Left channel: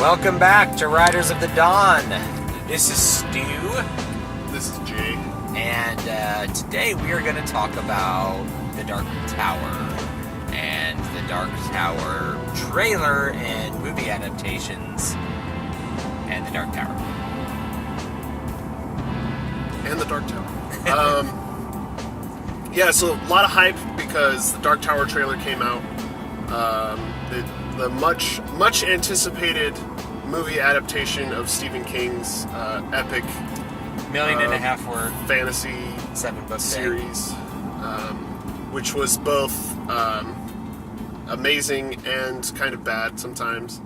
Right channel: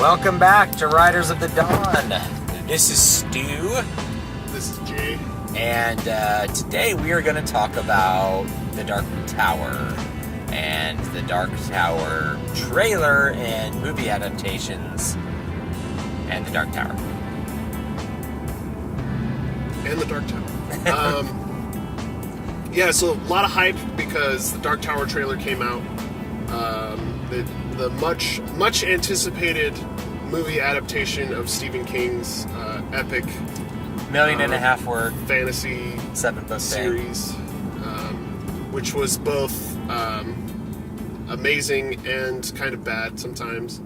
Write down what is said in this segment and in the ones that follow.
Welcome back to Riders of the Dawn. This is Stu. This is Jay. And today we are going to talk about The Dark Tower and The Dark Tower trailer and movie adaptations and The Dark Tower. And The Dark Tower. Yeah, so a lot of hype because the Dark Tower trailer came out. The much anticipated movie adaptation of Stephen King's epic $1.5 million word fantasy 7-book series, which was both amazing and kind of bad sometimes.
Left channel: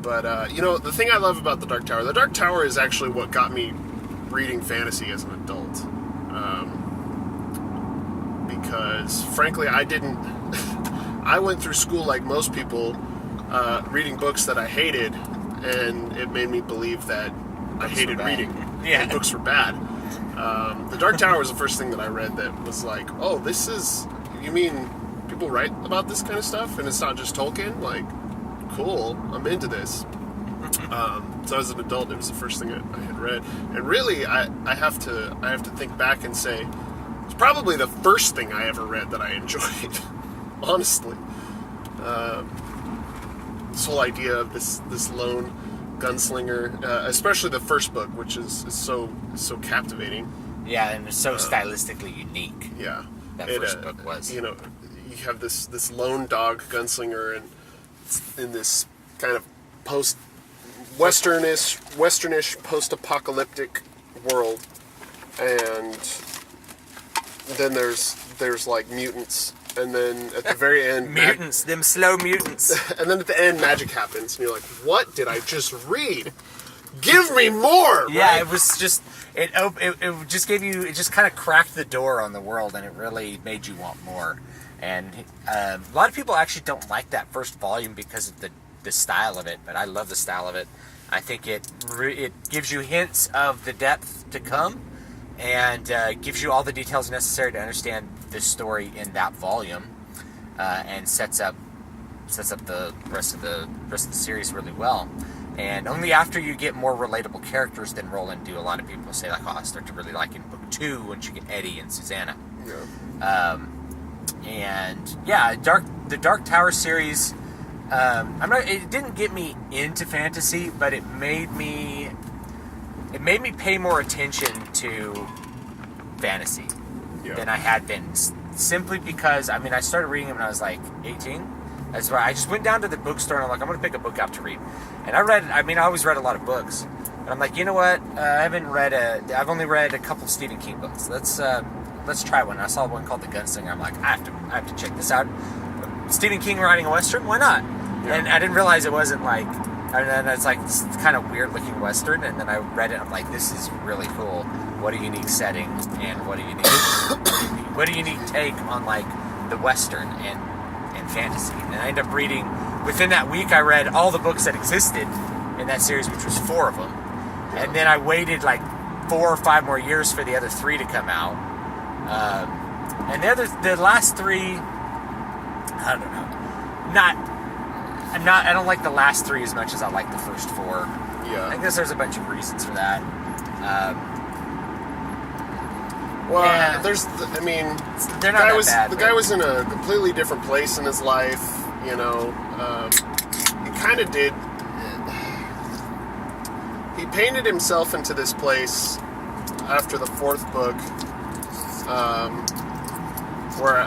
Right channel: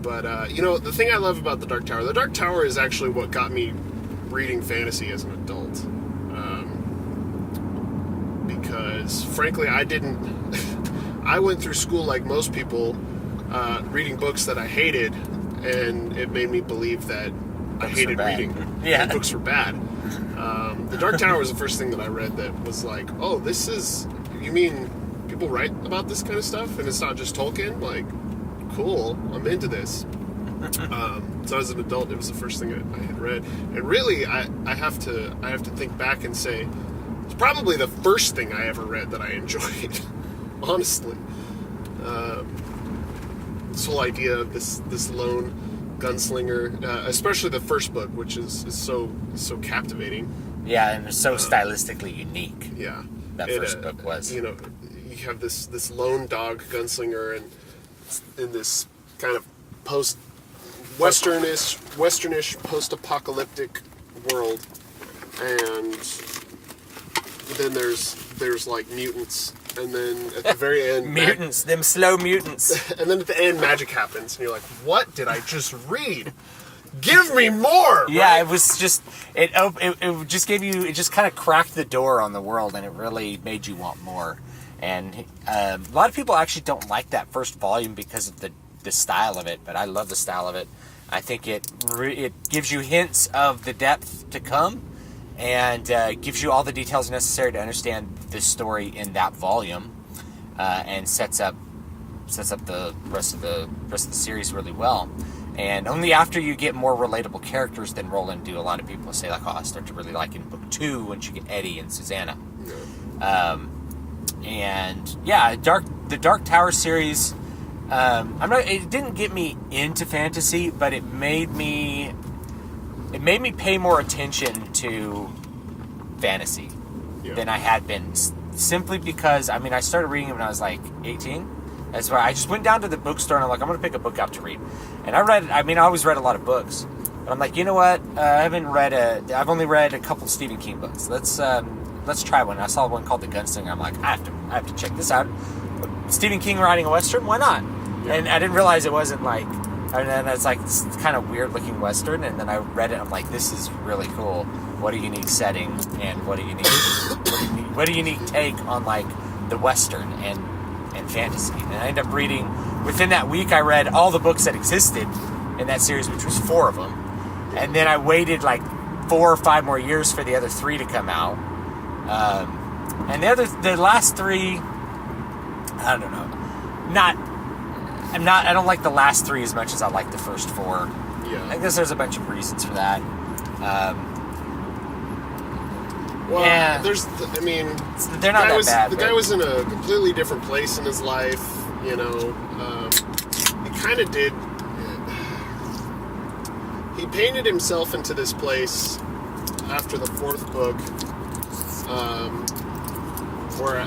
But the thing I love about the Dark Tower is actually what got me reading fantasy as an adult. Because frankly, I went through school like most people, reading books that I hated, and it made me believe that I hated reading. Yeah, books were bad. The Dark Tower was the first thing that I read that was like, oh, you mean people write about this kind of stuff, and it's not just Tolkien? Like, cool, I'm into this. So as an adult, it was the first thing I had read, and really, I have to think back and say it's probably the first thing I ever read that I enjoyed. Honestly, this whole idea of this lone gunslinger, especially the first book, which is so captivating. Yeah, and it's so stylistically unique. Yeah, that first book was. You have this lone dog gunslinger, and in this kind of westernish post-apocalyptic world, and then there's like mutants. And then at the very end... mutants, them slow mutants. And then at the end, magic happens. And you're like, what did I just read? Give me more! Yeah, right? it was just... It just gave you... It just kind of cracked the door on the world, and it really made you want more. And a lot of people actually don't like that first volume because of the style of it, but I love the style of it. I think it gives you hints of the depth to come, and gives you all the details necessary to understand this story in that volume, and sets up the rest of the series really well. And only after you get more relatable characters than roll in do a lot of people say, like, oh, I start to really like in book 2 once you get Eddie and Susanna. Yeah. And yeah, the Dark Tower series. It didn't get me into fantasy, but it made me pay more attention to fantasy than I had been, simply because, I started reading it when I was like 18. That's why I just went down to the bookstore and I'm like, I'm going to pick a book out to read. And I always read a lot of books. But I'm like, you know what? I've only read a couple Stephen King books. Let's try one. I saw one called The Gunslinger. I'm like, I have to check this out. Stephen King writing a Western? Why not? Yeah. And I didn't realize it wasn't like... And then it's like this kind of weird looking Western, and then I read it. I'm like, this is really cool. What a unique setting, and what a unique take on like the Western and fantasy. And I ended up reading within that week. I read all the books that existed in that series, which was 4 of them, and then I waited like 4 or 5 more years for the other 3 to come out. And the last 3, I don't know, I don't like the last 3 as much as I like the first 4. Yeah. I guess there's a bunch of reasons for that. Well, they're not that bad. The guy was in a completely different place in his life, He kind of did... He painted himself into this place after the 4th book, where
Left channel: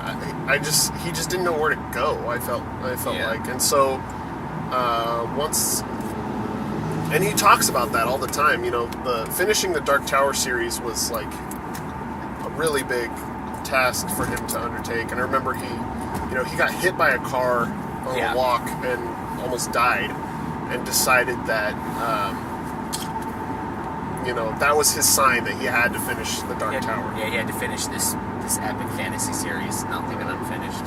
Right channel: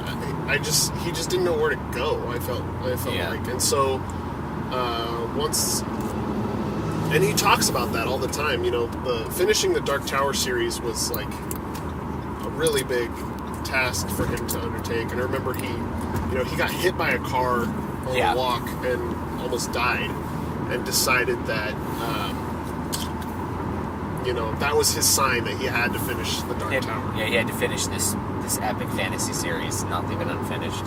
he just didn't know where to go. I felt like, and so and he talks about that all the time. Finishing the Dark Tower series was like a really big task for him to undertake. And I remember he got hit by a car on a walk and almost died, and decided that that was his sign that he had to finish the Dark Tower. Yeah, he had to finish this epic fantasy series, not leave it unfinished.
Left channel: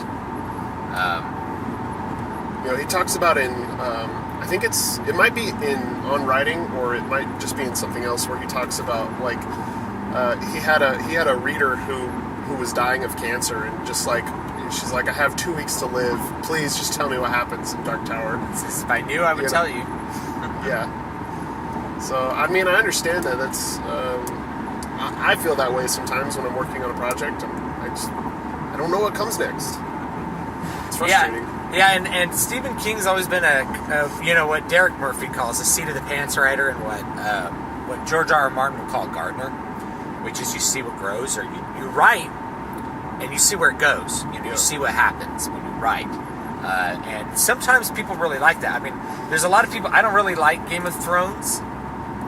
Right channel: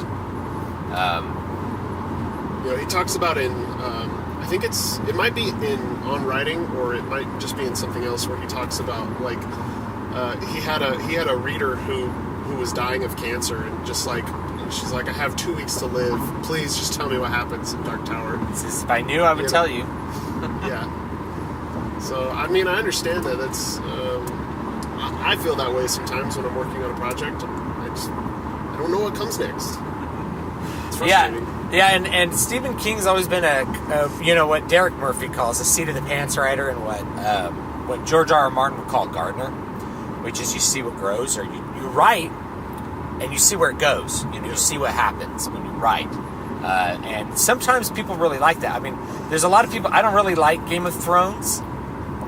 He talks about in, I think it might be on writing, or it might just be in something else, where he talks about like he had a reader who was dying of cancer, and just like she's like, I have 2 weeks to live. Please just tell me what happens in Dark Tower. If I knew, I would tell you. Yeah. So, I mean, I understand that. That's I feel that way sometimes when I'm working on a project. I don't know what comes next. It's frustrating. Yeah, and Stephen King's always been a what Derek Murphy calls a seat of the pants writer, and what George R. R. Martin would call a gardener, which is you see what grows, or you write and you see where it goes. You see what happens when you write. And sometimes people really like that. I mean, there's a lot of people. I don't really like Game of Thrones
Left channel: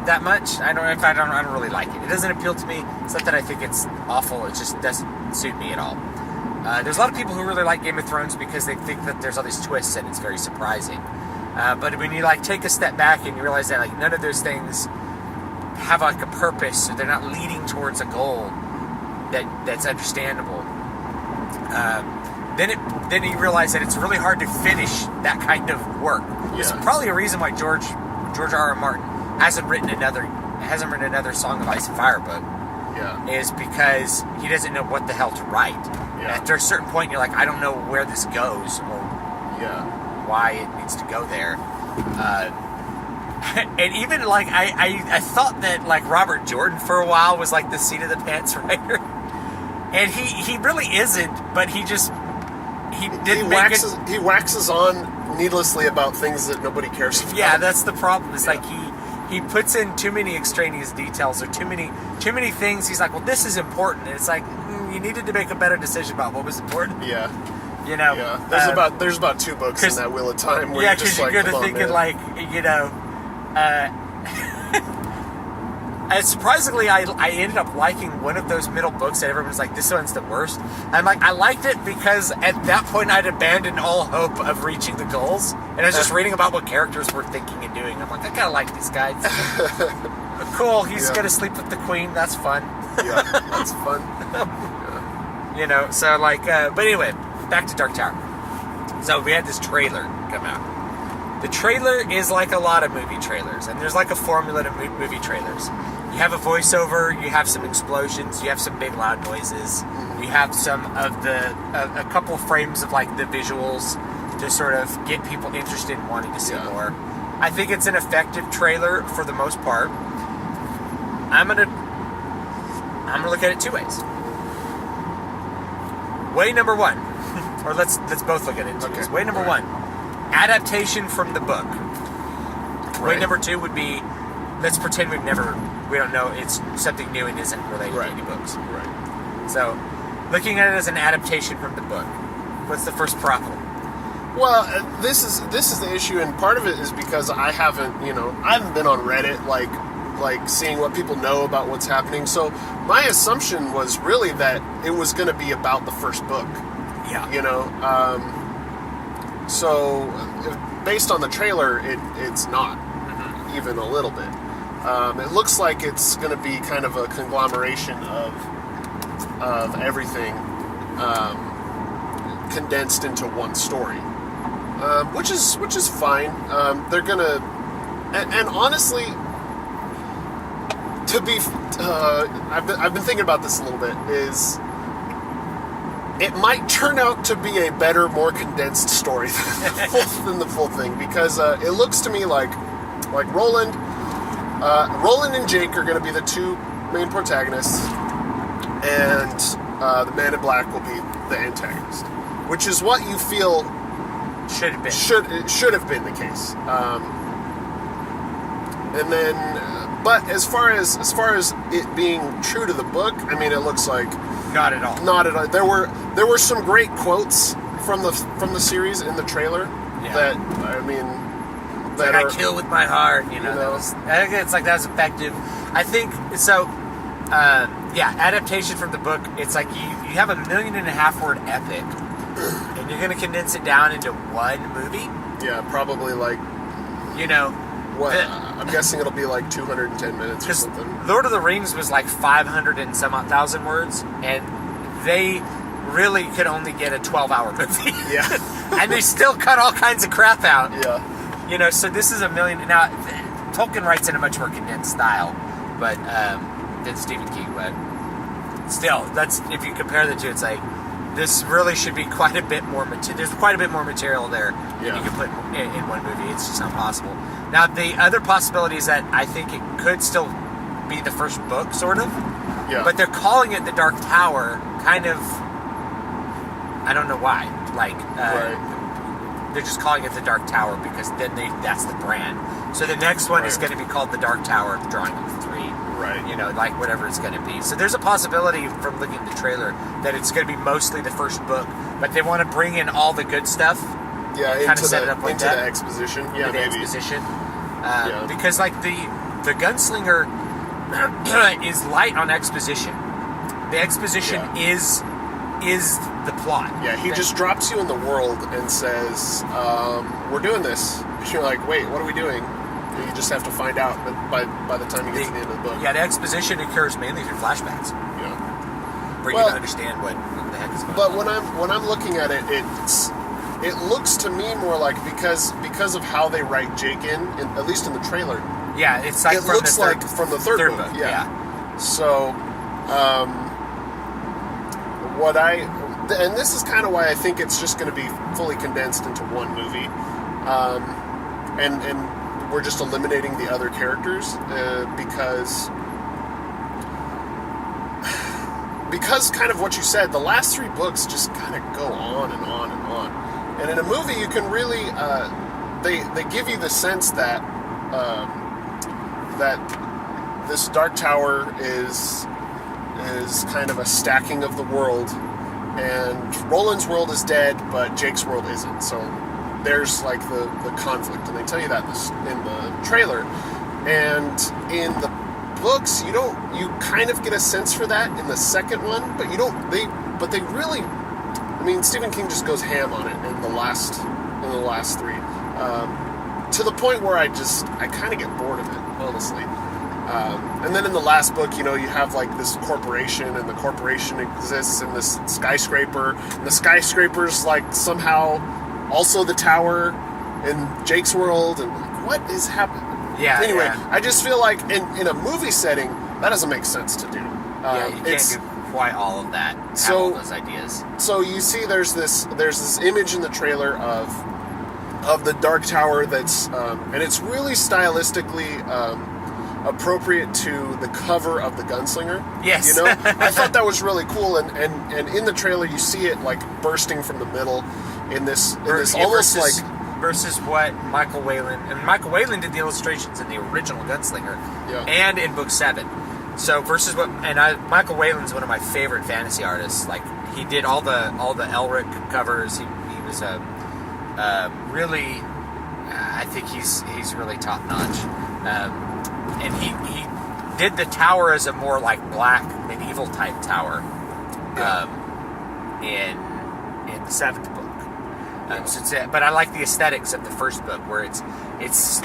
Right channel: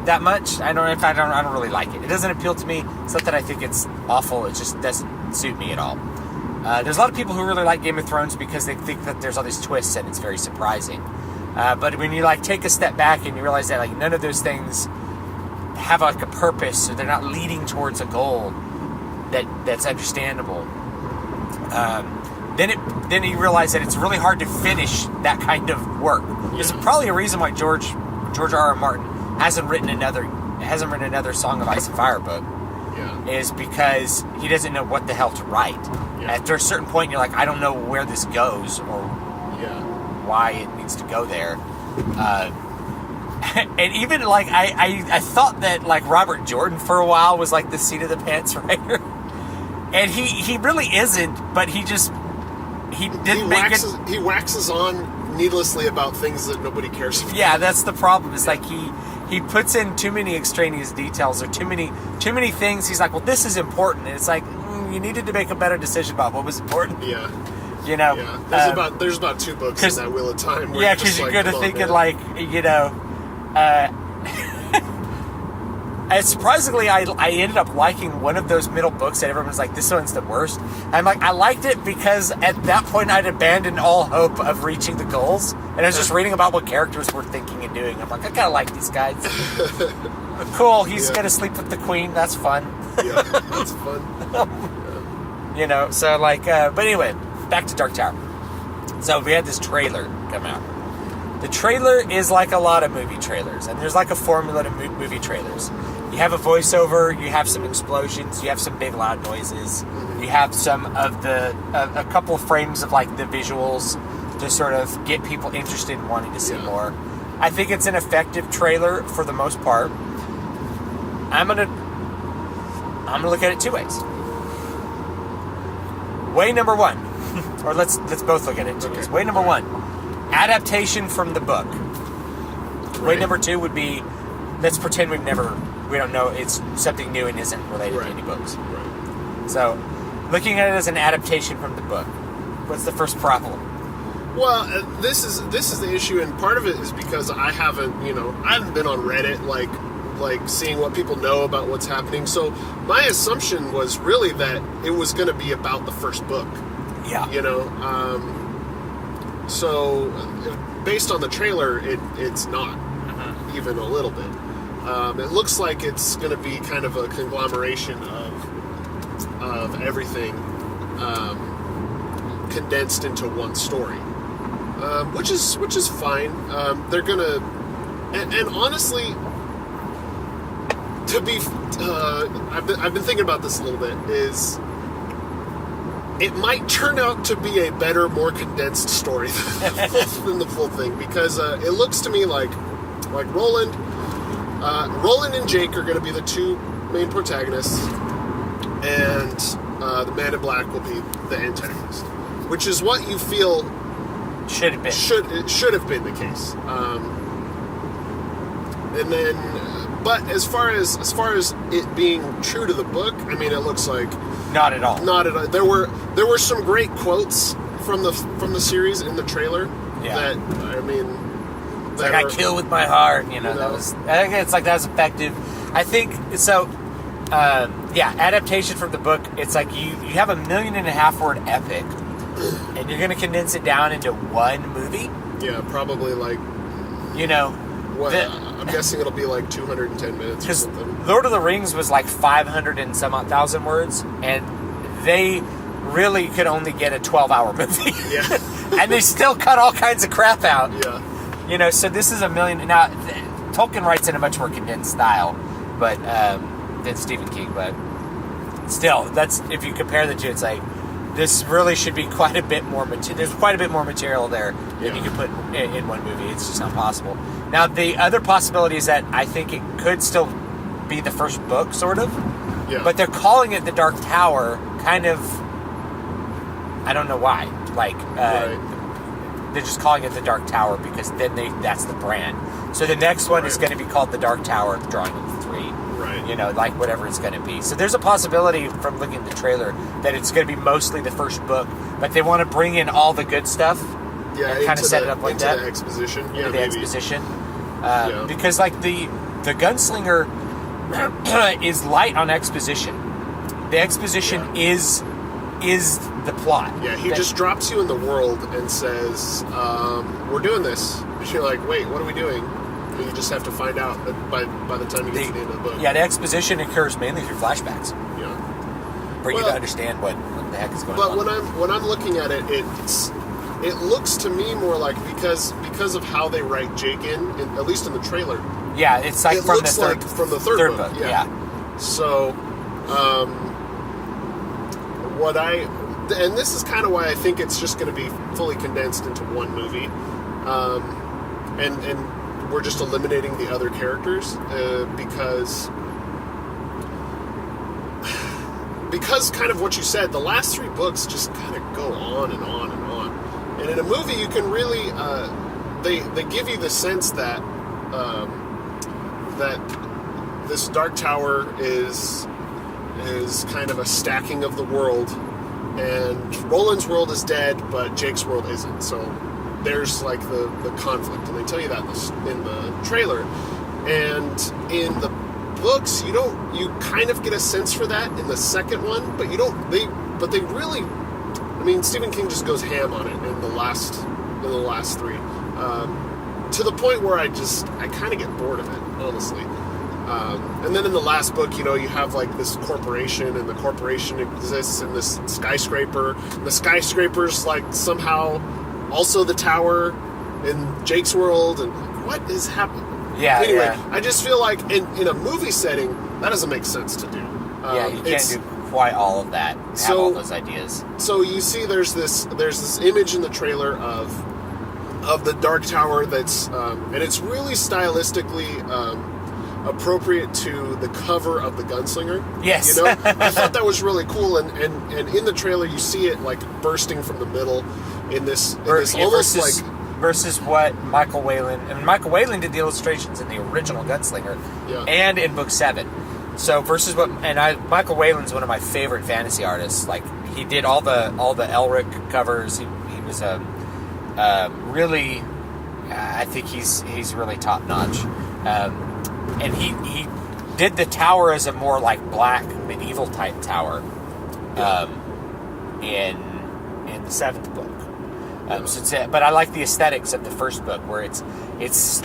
that much. I don't really like it. It doesn't appeal to me. It's not that I think it's awful. It just doesn't suit me at all. There's a lot of people who really like Game of Thrones because they think that there's all these twists and it's very surprising. But when you take a step back and you realize that none of those things have a purpose, or they're not leading towards a goal that's understandable. Then you realize that it's really hard to finish that kind of work. There's probably a reason why George R. R. Martin hasn't written another Song of Ice and Fire book. Yeah. Is because he doesn't know what the hell to write. Yeah. After a certain point, you're like, I don't know where this goes or why it needs to go there. And even I thought that Robert Jordan for a while was the seat of the pants writer, and he really isn't. But he waxes on needlessly about things that nobody cares about. Yeah, that's the problem. It's he puts in too many extraneous details or too many things. He's like, well, this is important, and it's you needed to make a better decision about what was important. Yeah. Yeah. There's about 2 books in that Wheel of Time. Where because you're kind of thinking surprisingly, I ended up liking one of those middle books that everyone's like, this one's the worst. I'm like, I liked it because at that point I'd abandoned all hope of reaching the goals, and I was just reading about what characters were thinking and doing. I'm like, I kind of like these guys. Cool, he's gonna sleep with the queen. That's fun. Yeah, that's fun. But anyway, back to Dark Tower. So we had this trailer come out. The trailer is like a lot of movie trailers, and there's a formula to movie trailers. You have a voiceover, you have some explosions, you have some big loud noises, you have some of a couple of frames of the visuals to sort of get people interested in wanting to see more. I think it's an effective trailer for the most part. I'm gonna look at it 2 ways. Way number 1, or let's both look at it 2 ways. Way number 1, adaptation from the book. Way number 2 would be, let's pretend we don't know, it's something new and isn't related to any books. Right. So, looking at it as an adaptation from the book, what's the first problem? Well, this is the issue, and part of it is because I haven't been on Reddit seeing what people know about what's happening. So my assumption was really that it was going to be about the first book. Yeah. So based on the trailer, it's not even a little bit. It looks like it's going to be kind of a conglomeration of everything condensed into one story, which is fine. They're gonna, and honestly, I've been thinking about this a little bit. Is it might turn out to be a better, more condensed story than the full thing, because it looks to me like Roland and Jake are going to be the 2 main protagonists, and the Man in Black will be the antagonist, which is what you feel should have been. Should have been the case. And then, but as far as it being true to the book, I mean, it looks like not at all. Not at all. There were some great quotes from the series in the trailer. Yeah. That, I mean, I kill with my heart. That was. I think that was effective. I think so. Adaptation from the book. It's like you have a 1.5 million word epic, and you're going to condense it down into one movie. Yeah, probably I'm guessing it'll be 210 minutes or something. Lord of the Rings was 500 and some odd thousand words, and they really could only get a 12-hour movie. Yeah. And they still cut all kinds of crap out. Yeah. So this is 1 million. Now, Tolkien writes in a much more condensed style, than Stephen King, but still, that's, if you compare the two, it's this really should be quite a bit more material. There's quite a bit more material there than you can put in one movie. It's just not possible. Now, the other possibility is that I think it could still be the first book, sort of. Yeah. But they're calling it the Dark Tower, kind of. I don't know why. Like, they're just calling it the Dark Tower because then that's the brand. So the next one is going to be called the Dark Tower, drawing of 3. Right. You know, like whatever it's going to be. So there's a possibility from looking at the trailer that it's going to be mostly the first book, but they want to bring in all the good stuff. Yeah, and kind of set it up like that. Into the exposition. Yeah, into the maybe. exposition. Because like the Gunslinger is light on exposition. The exposition is the plot. Yeah, he just drops you in the world and says, "We're doing this." And you're like, "Wait, what are we doing?" And you just have to find out by the time you get to the end of the book. Yeah, the exposition occurs mainly through flashbacks. Yeah, for you to understand what the heck is going on. But when I'm looking at it, it looks to me more like because of how they write Jake in at least in the trailer. Yeah, it's like from the third book. Yeah. So, and this is kind of why I think it's just going to be fully condensed into one movie, and we're just eliminating the other characters because kind of what you said, the last 3 books just kind of go on and on and on, and in a movie you can really they give you the sense that that this Dark Tower is kind of a stacking of the world, and Roland's world is dead, but Jake's world isn't. So there's like the conflict, and they tell you that in the trailer. And in the books, you kind of get a sense for that in the second one, but they really, I mean, Stephen King just goes ham on it in the last 3, to the point where I kind of get bored of it, honestly. And then in the last book, you have like this corporation, and the corporation exists in this skyscraper, and the skyscraper's like somehow also the tower in Jake's world, and like, what is happening? Yeah. Anyway, yeah. I just feel like in a movie setting, that doesn't make sense to do. You can't do quite all of that. Have all those ideas. So you see, there's this image in the trailer of the Dark Tower that's, and it's really stylistically appropriate to the cover of the Gunslinger. Yes. I thought that was really cool, and in the trailer you see it like bursting from the middle in this almost versus what Michael Whalen, and Michael Whalen did the illustrations in the original Gunslinger and in book 7. So versus Michael Whalen's one of my favorite fantasy artists. Like, he did all the Elric covers. He was a really, I think he's really top notch. And he did the tower as a more like black medieval type tower in the 7th book. But I like the aesthetics of the first book, where it's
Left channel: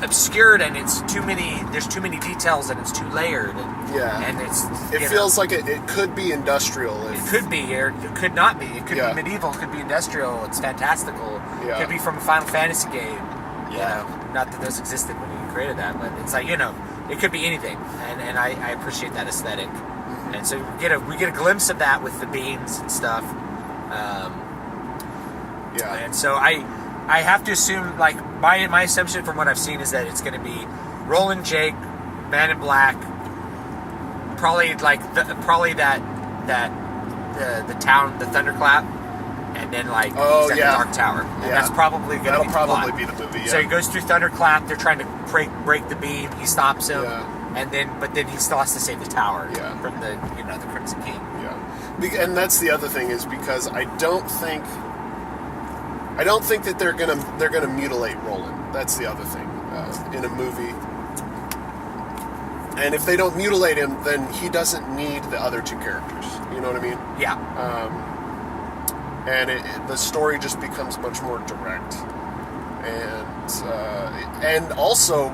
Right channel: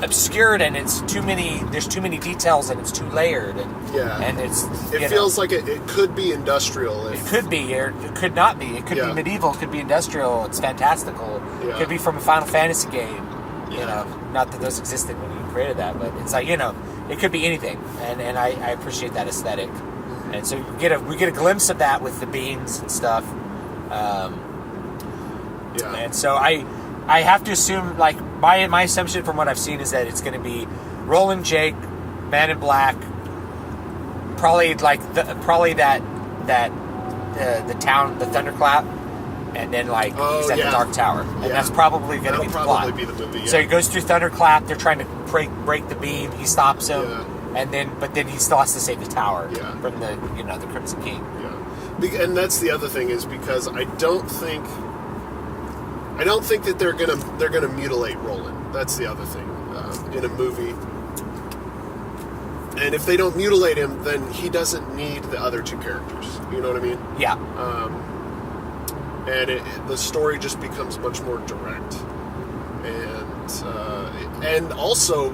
obscured and there's too many details and it's too layered, and it feels like it could be industrial. It could be, or it could not be. It could be medieval, it could be industrial, it's fantastical. Yeah. It could be from a Final Fantasy game. Yeah. Not that those existed when you created that, but it's like, it could be anything, and I appreciate that aesthetic. Mm-hmm. And so we get a glimpse of that with the beams and stuff. And so I have to assume, like, my assumption from what I've seen is that it's going to be Roland, Jake, Man in Black, probably that the town, the Thunderclap, and then like he's at the Dark Tower, and that's probably going to be the plot. Be the movie. Yeah. So he goes through Thunderclap. They're trying to break the beam. He stops him, and then he still has to save the tower from the Crimson King. Yeah, and that's the other thing, is because I don't think that they're gonna mutilate Roland. That's the other thing in a movie. And if they don't mutilate him, then he doesn't need the other 2 characters. You know what I mean? Yeah. And the story just becomes much more direct, and also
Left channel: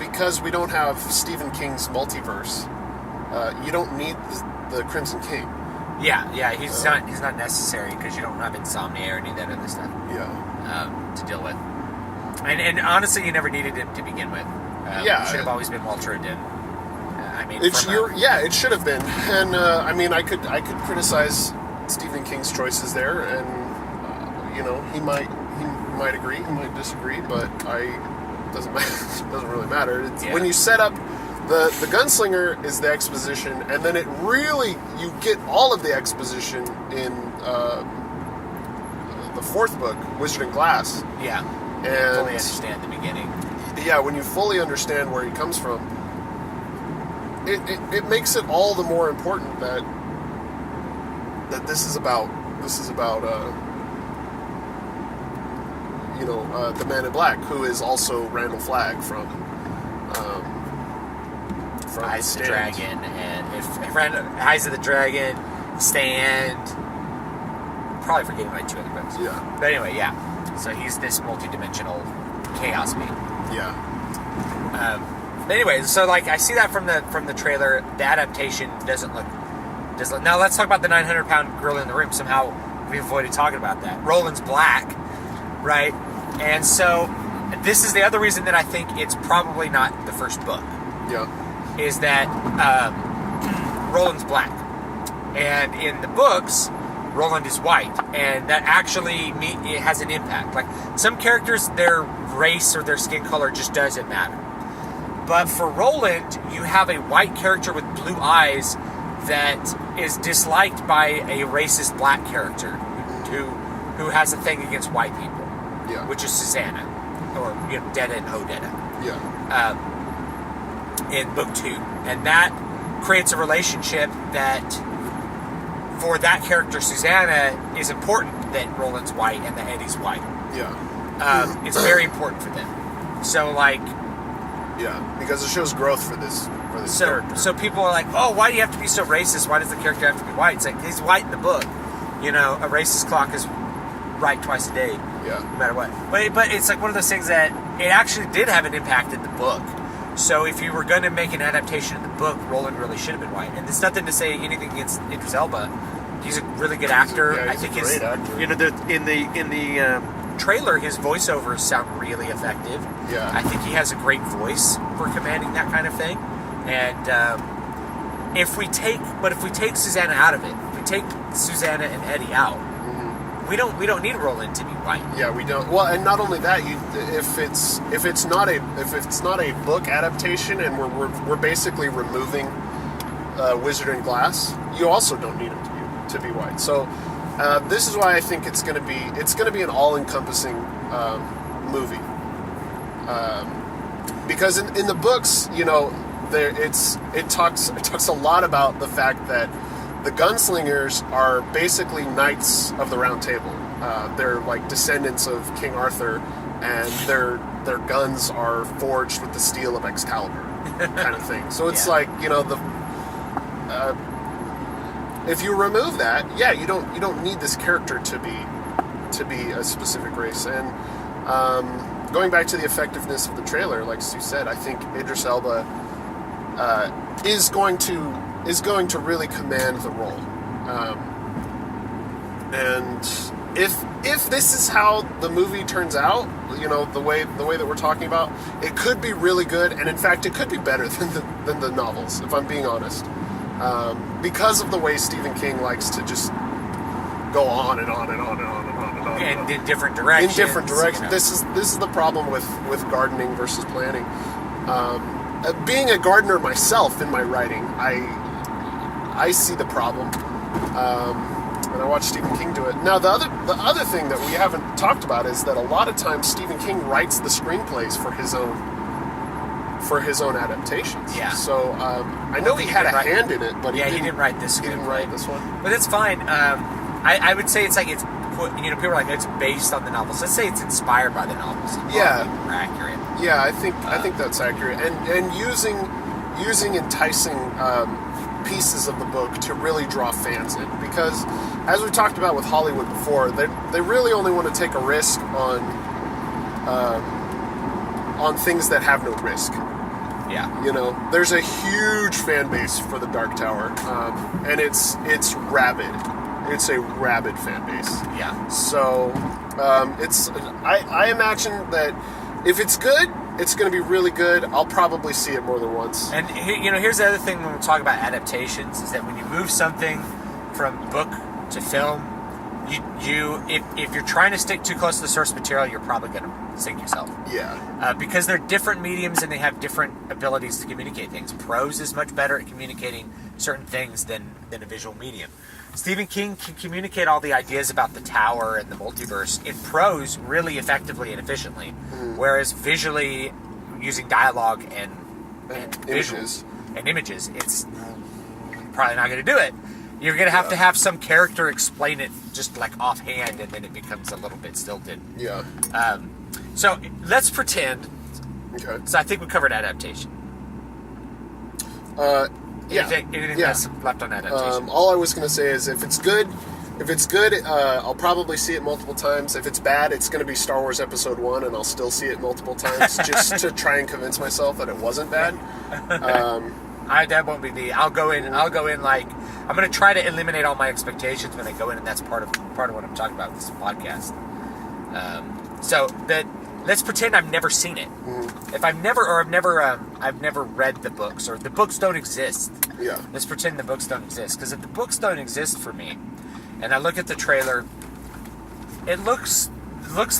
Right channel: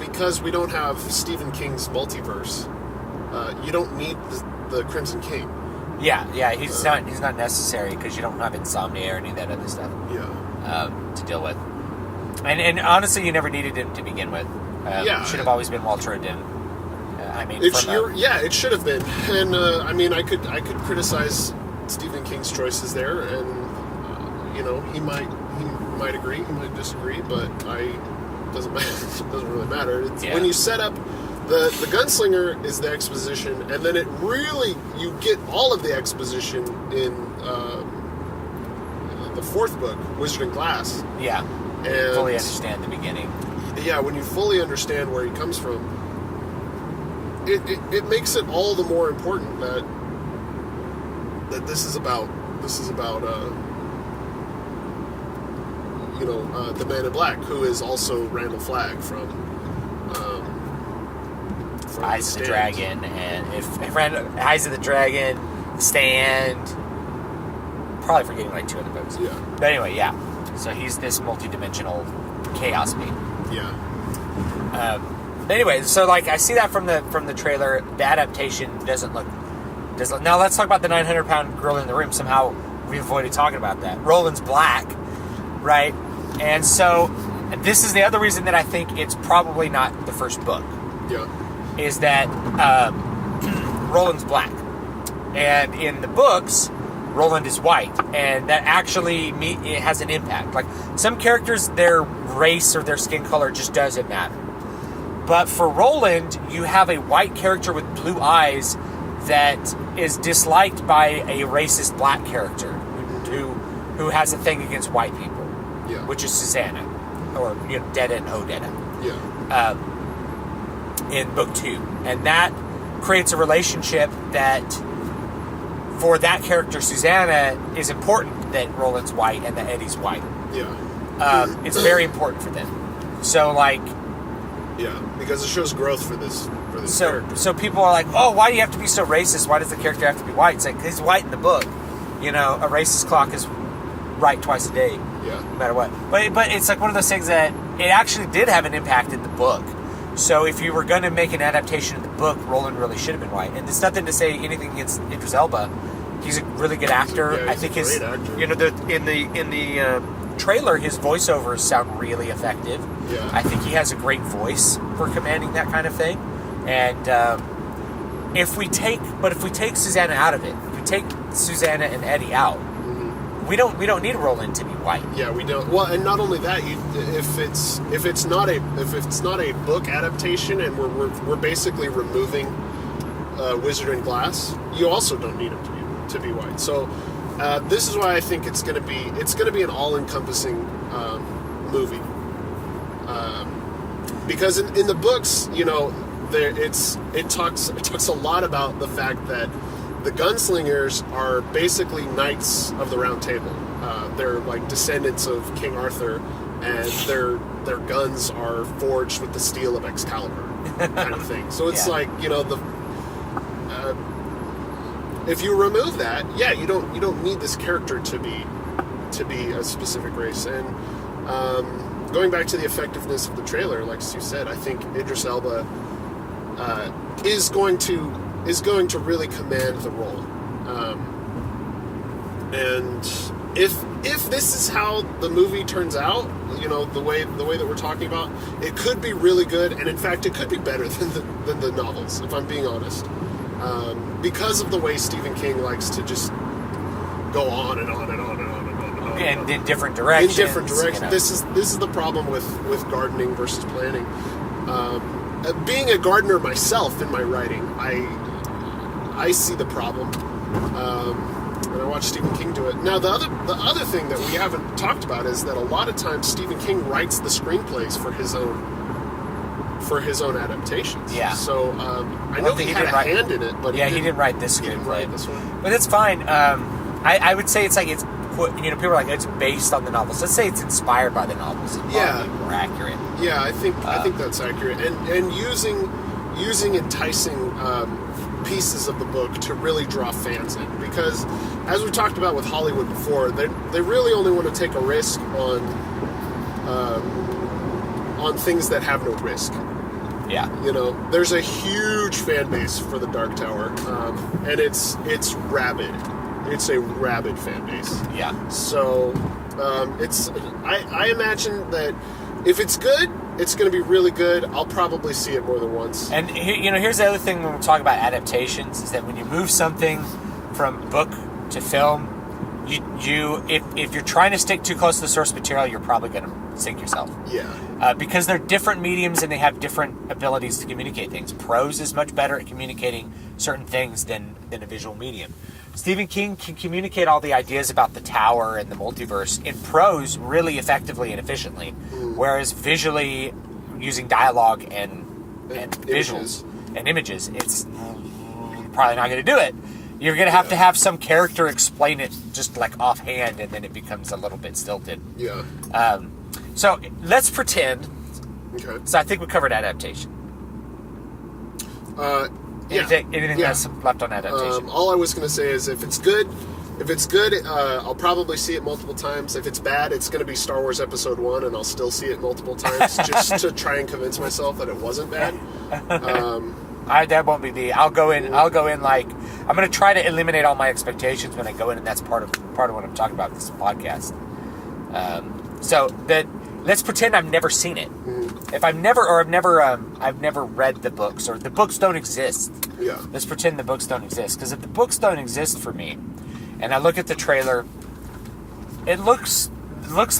because we don't have Stephen King's multiverse, you don't need the Crimson King. Yeah, he's not necessary, because you don't have insomnia or any of that other stuff. To deal with, and honestly, you never needed him to begin with. It should have always been Walter O'Dim. It should have been, and I mean, I could criticize Stephen King's choices there, and he might agree, he might disagree, but doesn't matter. It doesn't really matter. When you set up the gunslinger is the exposition, and then you get all of the exposition in the fourth book, Wizard and Glass. Yeah, and fully understand the beginning. Yeah, when you fully understand where he comes from, it makes it all the more important that this is about the Man in Black, who is also Randall Flagg from Eyes of the Dragon, and if Eyes of the Dragon, Stand, probably forgetting like 2 other books. Yeah. But anyway, yeah. So he's this multi-dimensional chaos being. Yeah. But anyway, so like I see that from the trailer. The adaptation doesn't look. Now let's talk about the 900-pound gorilla in the room. Somehow we avoided talking about that. Roland's black, right? And so this is the other reason that I think it's probably not the first book. Yeah. Is that Roland's black, and in the books, Roland is white, and that actually it has an impact. Like some characters, their race or their skin color just doesn't matter. But for Roland, you have a white character with blue eyes that is disliked by a racist black character who has a thing against white people, yeah. which is Susanna, or Detta and Odetta. Yeah. In book 2, and that creates a relationship that, for that character Susanna, is important that Roland's white and that Eddie's white. Yeah. It's very important for them. So like. Yeah, because it shows growth for this character. So people are like, oh, why do you have to be so racist? Why does the character have to be white? It's like, he's white in the book. A racist clock is right twice a day. Yeah. No matter what. But it's like one of those things that it actually did have an impact in the book. So if you were going to make an adaptation of the book, Roland really should have been white. And it's nothing to say anything against Idris Elba. He's a really good actor. I think his, great actor. In the trailer, his voiceovers sound really effective. Yeah. I think he has a great voice for commanding that kind of thing. And if we take Susanna out of it, if we take Susanna and Eddie out, we don't need Roland to be white. Yeah, we don't. Well, and not only that, if it's not a book adaptation, and we're basically removing Wizard and Glass, you also don't need him to be white. So this is why I think it's going to be an all-encompassing movie. Because in the books, it talks a lot about the fact that the gunslingers are basically knights of the Round Table. They're like descendants of King Arthur, and their guns are forged with the steel of Excalibur, kind of thing. So it's like if you remove that, you don't need this character to be a specific race. And going back to the effectiveness of the trailer, like Stu said, I think Idris Elba is going to really command the role. And if this is how the movie turns out, the way that we're talking about, it could be really good, and in fact, it could be better than the novels, if I'm being honest. Because of the way Stephen King likes to just go on and on and on and on and on and on. And in different directions. In different directions. This is the problem with gardening versus planning. Being a gardener myself in my writing, I see the problem. And I watched Stephen King do it. Now, the other thing that we haven't talked about is that a lot of times Stephen King writes the screenplays for his own adaptations. Yeah. So I know he had a hand in it, but he didn't write this screenplay. He didn't write this one, but it's fine. I would say it's like it's put. People are like it's based on the novels. Let's say it's inspired by the novels. Yeah, more accurate. Yeah, I think that's accurate, and using enticing pieces of the book to really draw fans in, because as we talked about with Hollywood before, they really only want to take a risk on things that have no risk. Yeah. There's a huge fan base for the Dark Tower, and it's rabid. It's a rabid fan base. Yeah. So I imagine that if it's good, it's going to be really good. I'll probably see it more than once. And here's the other thing when we're talking about adaptations, is that when you move something from book to film, if you're trying to stick too close to the source material, you're probably going to sink yourself. Yeah. Because they're different mediums and they have different abilities to communicate things. Prose is much better at communicating certain things than a visual medium. Stephen King can communicate all the ideas about the tower and the multiverse in prose really effectively and efficiently, whereas visually, using dialogue and visuals and images, it's probably not going to do it. You're going to have some character explain it just like offhand, and then it becomes a little bit stilted. Yeah. So let's pretend. Okay. So I think we covered adaptation. Anything else left on adaptation? All I was going to say is if it's good, I'll probably see it multiple times. If it's bad, it's going to be Star Wars Episode 1, and I'll still see it multiple times just to try and convince myself that it wasn't bad. That won't be me. I'll go in like I'm going to try to eliminate all my expectations when I go in, and that's part of what I'm talking about with this podcast. So that let's pretend I've never seen it. If I've never read the books, or the books don't exist. Yeah. Let's pretend the books don't exist, because if the books don't exist for me, and I look at the trailer, it looks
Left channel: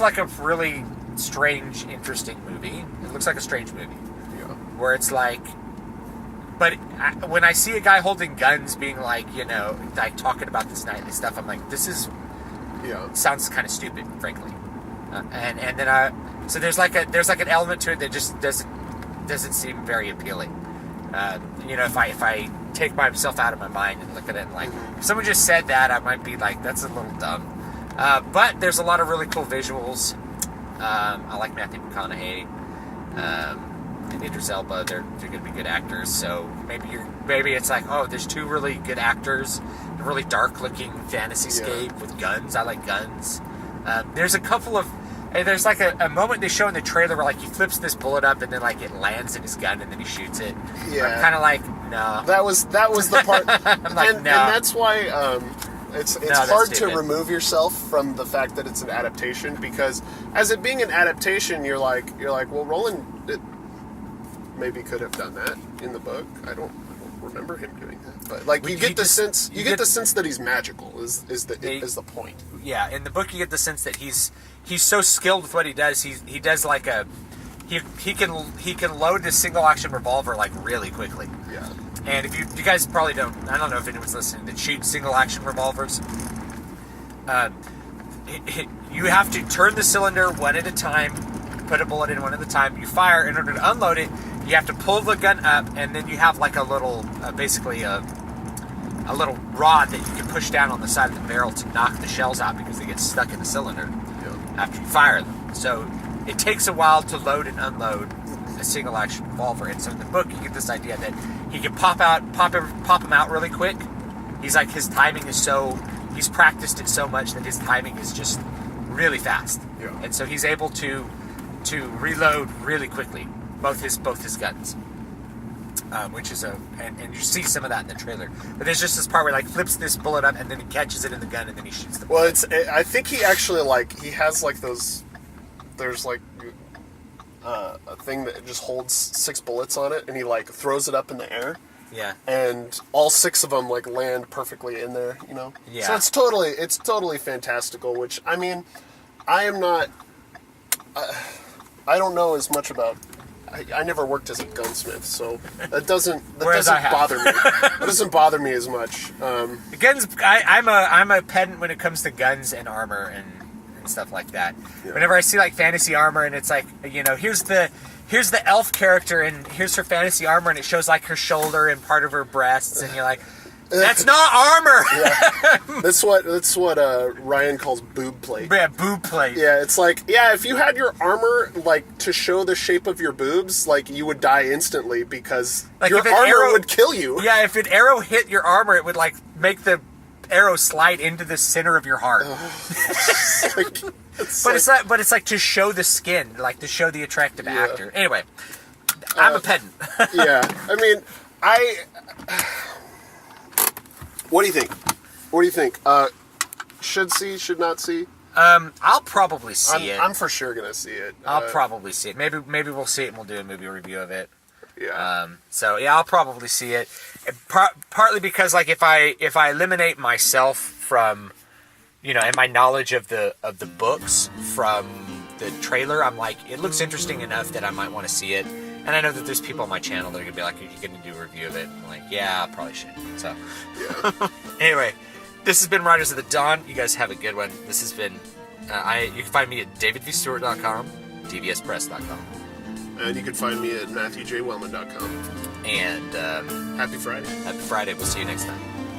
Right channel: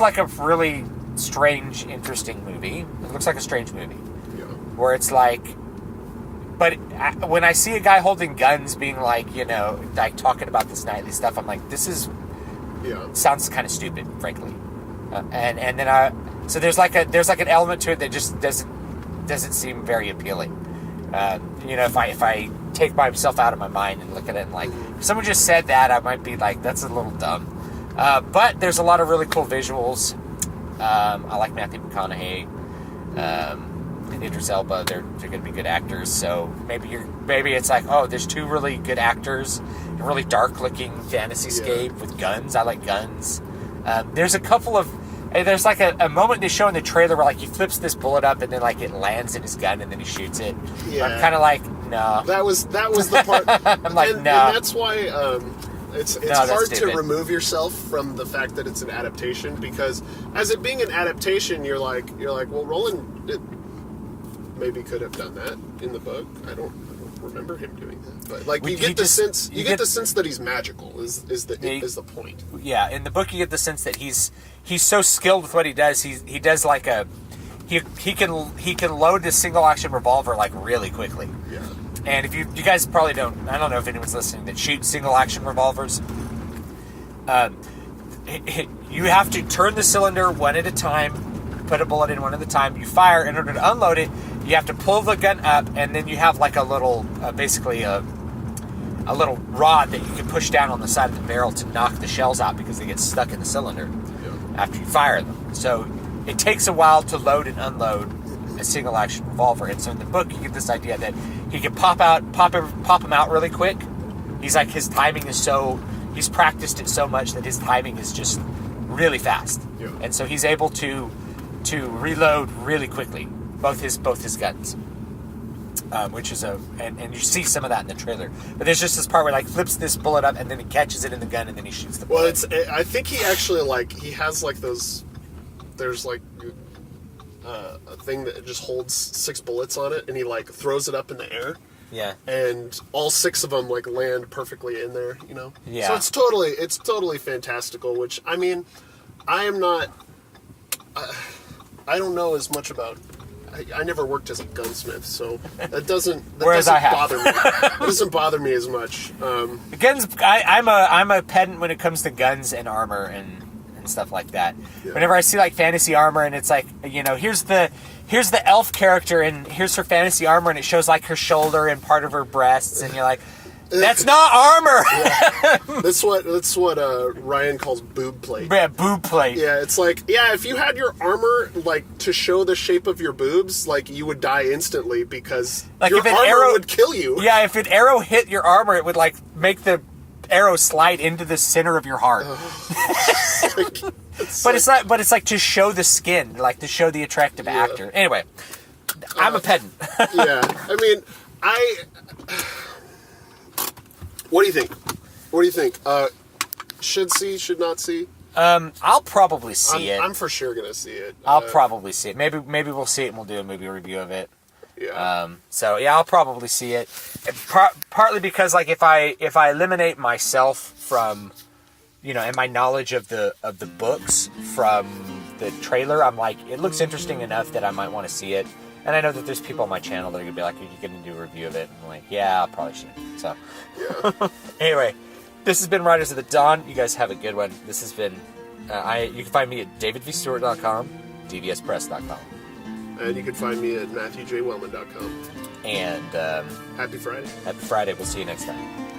like a really strange, interesting movie. It looks like a strange movie. Yeah. Where it's like, but when I see a guy holding guns, being like, like talking about this nightly stuff, I'm like, this is sounds kind of stupid, frankly. And then so there's like an element to it that just doesn't seem very appealing. If I take myself out of my mind and look at it and like, if someone just said that, I might be like, that's a little dumb. But there's a lot of really cool visuals. I like Matthew McConaughey. And Idris Elba, they're going to be good actors. So maybe it's like, oh, there's two really good actors, a really dark-looking fantasy-scape with guns. I like guns. There's a couple of, there's like a moment they show in the trailer where like he flips this bullet up and then like it lands in his gun and then he shoots it. Yeah. I'm kind of like, no. That was the part. I'm like, no. And that's why it's hard to stupid. remove yourself from the fact that it's an adaptation, because as it being an adaptation, you're like, well, Roland maybe could have done that in the book. I don't remember him doing that, but like you get the sense that he's magical is the point. Yeah, in the book you get the sense that he's so skilled with what he does. He does like he can load this single action revolver like really quickly. Yeah. And if you guys probably don't, I don't know if anyone's listening that shoots single action revolvers. You have to turn the cylinder one at a time, put a bullet in one at a time. You fire. In order to unload it, you have to pull the gun up, and then you have like a little, basically a little rod that you can push down on the side of the barrel to knock the shells out because they get stuck in the cylinder after you fire them. So it takes a while to load and unload a single action revolver. And so in the book, you get this idea that he can pop them out really quick. He's like, his timing is he's practiced it so much that his timing is just really fast. Yeah. And so he's able to reload really quickly both his guns, which is and you see some of that in the trailer. But there's just this part where like flips this bullet up and then he catches it in the gun and then he shoots the bullet. Well, I think he actually he has like those. There's like a thing that just holds 6 bullets on it, and he like throws it up in the air. Yeah. And all 6 of them like land perfectly in there, Yeah. So it's totally fantastical. Which I mean, I am not. I don't know as much about. I never worked as a gunsmith, so that doesn't bother me. It doesn't bother me as much. Guns. I'm a pedant when it comes to guns and armor and stuff like that. Yeah. Whenever I see like fantasy armor and it's like, here's the elf character and here's her fantasy armor and it shows like her shoulder and part of her breasts and you're like, that's not armor. Yeah. That's what Ryan calls boob plate. Yeah, boob plate. Yeah, it's like, if you had your armor like to show the shape of your boobs, like you would die instantly because like your armor would kill you. Yeah, if an arrow hit your armor, it would like make the arrow slide into the center of your heart. But it's like to show the skin, like to show the attractive actor. Anyway, I'm a pedant. Yeah, I mean, What do you think? Should see, should not see? I'll probably see it. I'm for sure gonna see it. I'll probably see it. Maybe we'll see it and we'll do a movie review of it. Yeah. So yeah, I'll probably see it. Partly because like if I eliminate myself from, and my knowledge of the books from the trailer, I'm like, it looks interesting enough that I might want to see it. And I know that there's people on my channel that are going to be like, are you going to do a review of it? And I'm like, yeah, I probably should. So, Yeah. Anyway, this has been Riders of the Dawn. You guys have a good one. This has been, you can find me at davidvstewart.com, dvspress.com. And you can find me at matthewjwellman.com. And Happy Friday. Happy Friday. We'll see you next time.